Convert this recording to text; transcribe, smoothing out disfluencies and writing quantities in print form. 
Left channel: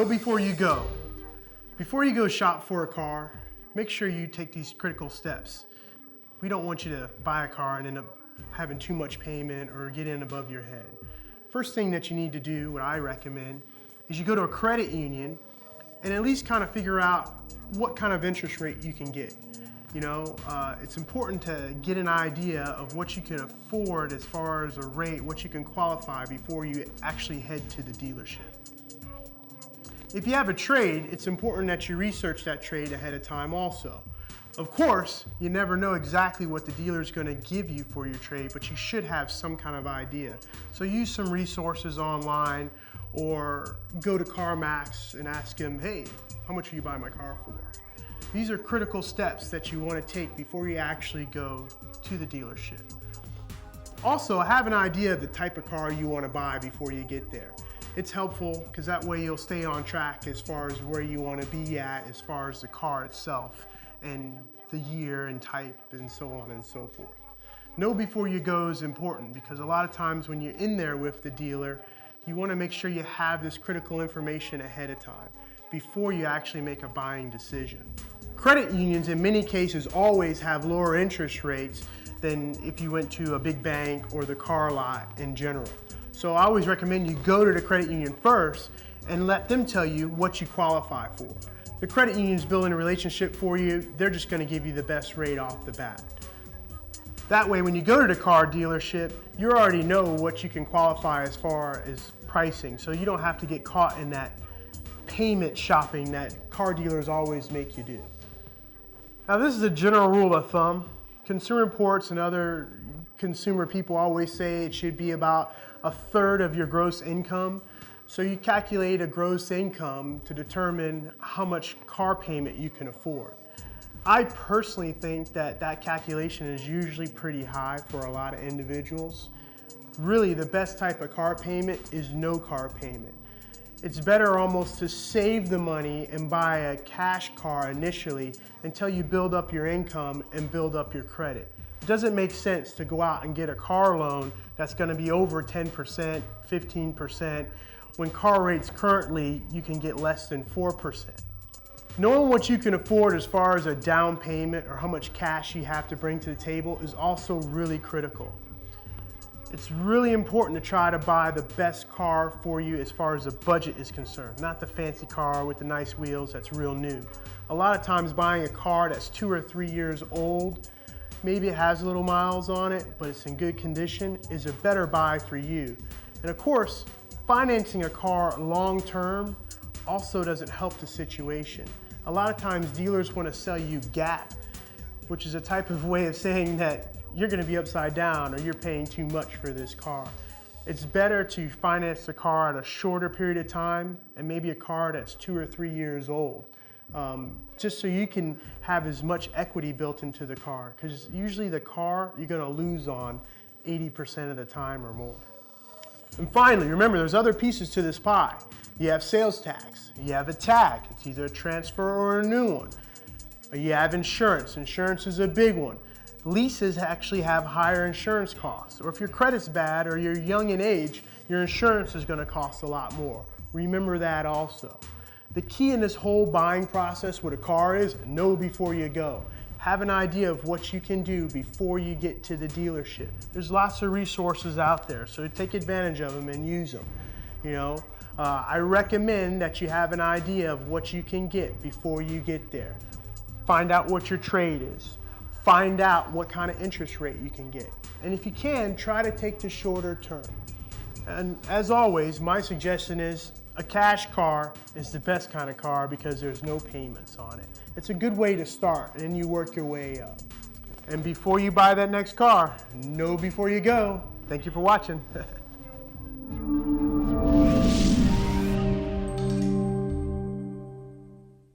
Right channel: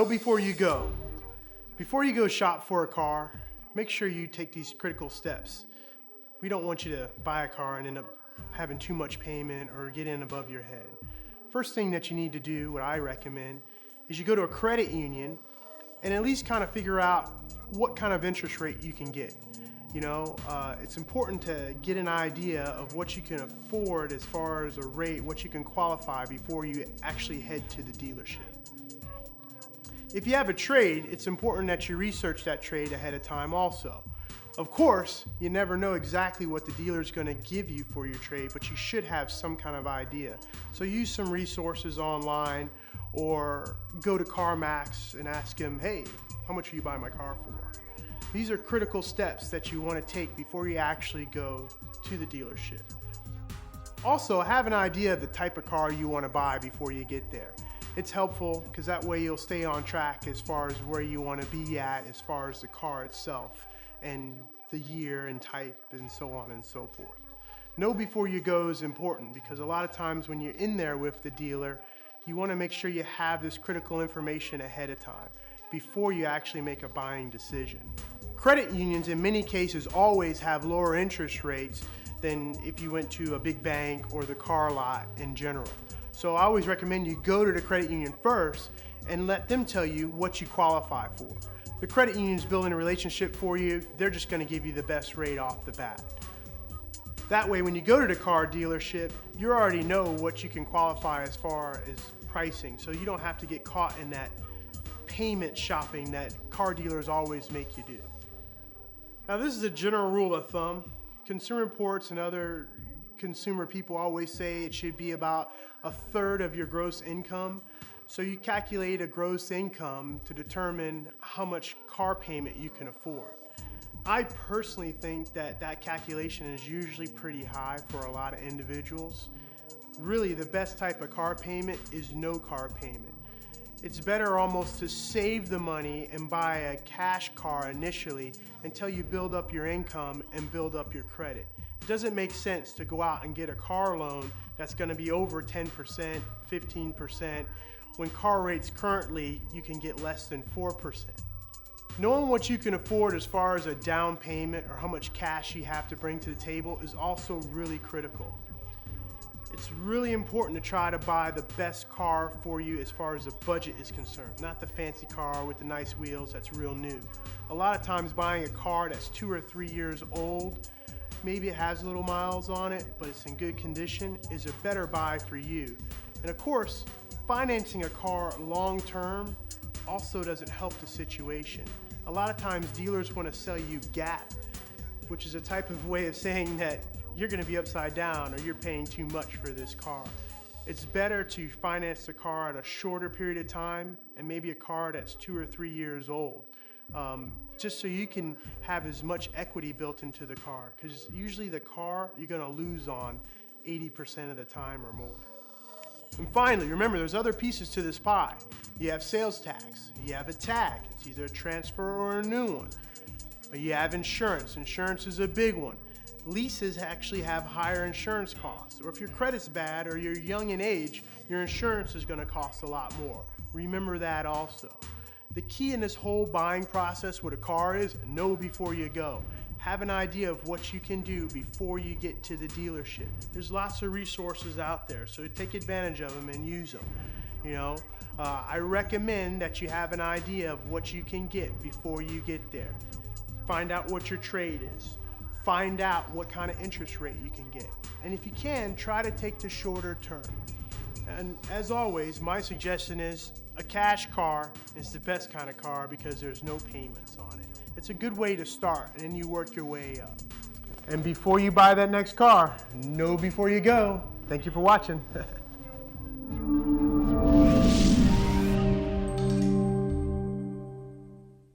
Know before you go. Before you go shop for a car, make sure you take these critical steps. We don't want you to buy a car and end up having too much payment or get in above your head. First thing that you need to do, what I recommend, is you go to a credit union and at least kind of figure out what kind of interest rate you can get. You know, it's important to get an idea of what you can afford as far as a rate, what you can qualify before you actually head to the dealership. If you have a trade, it's important that you research that trade ahead of time also. Of course, you never know exactly what the dealer's going to give you for your trade, but you should have some kind of idea. So use some resources online or go to CarMax and ask them, hey, how much are you buying my car for? These are critical steps that you want to take before you actually go to the dealership. Also, have an idea of the type of car you want to buy before you get there. It's helpful because that way you'll stay on track as far as where you want to be at as far as the car itself and the year and type and so on and so forth. Know before you go is important because a lot of times when you're in there with the dealer, you want to make sure you have this critical information ahead of time before you actually make a buying decision. Credit unions in many cases always have lower interest rates than if you went to a big bank or the car lot in general. So I always recommend you go to the credit union first and let them tell you what you qualify for. The credit union's building a relationship for you. They're just going to give you the best rate off the bat. That way, when you go to the car dealership, you already know what you can qualify as far as pricing. So you don't have to get caught in that payment shopping that car dealers always make you do. Now, this is a general rule of thumb. Consumer Reports and other consumer people always say it should be about 1/3 of your gross income. So you calculate a gross income to determine how much car payment you can afford. I personally think that that calculation is usually pretty high for a lot of individuals. Really, the best type of car payment is no car payment. It's better almost to save the money and buy a cash car initially until you build up your income and build up your credit. It doesn't make sense to go out and get a car loan that's going to be over 10%, 15%, when car rates currently you can get less than 4%. Knowing what you can afford as far as a down payment or how much cash you have to bring to the table is also really critical. It's really important to try to buy the best car for you as far as the budget is concerned, not the fancy car with the nice wheels that's real new. A lot of times buying a car that's 2 or 3 years old, maybe it has little miles on it, but it's in good condition, is a better buy for you. And of course, financing a car long term also doesn't help the situation. A lot of times dealers want to sell you gap, which is a type of way of saying that you're going to be upside down or you're paying too much for this car. It's better to finance the car at a shorter period of time and maybe a car that's 2 or 3 years old, just so you can have as much equity built into the car, because usually the car you're going to lose on 80% of the time or more. And finally, remember there's other pieces to this pie. You have sales tax, you have a tag, it's either a transfer or a new one. You have insurance, insurance is a big one. Leases actually have higher insurance costs, or if your credit's bad or you're young in age, your insurance is going to cost a lot more. Remember that also. The key in this whole buying process with a car is know before you go. Have an idea of what you can do before you get to the dealership. There's lots of resources out there, so take advantage of them and use them. You know, I recommend that you have an idea of what you can get before you get there. Find out what your trade is. Find out what kind of interest rate you can get. And if you can, try to take the shorter term. And as always, my suggestion is a cash car is the best kind of car because there's no payments on it. It's a good way to start, and then you work your way up. And before you buy that next car, know before you go. Thank you for watching.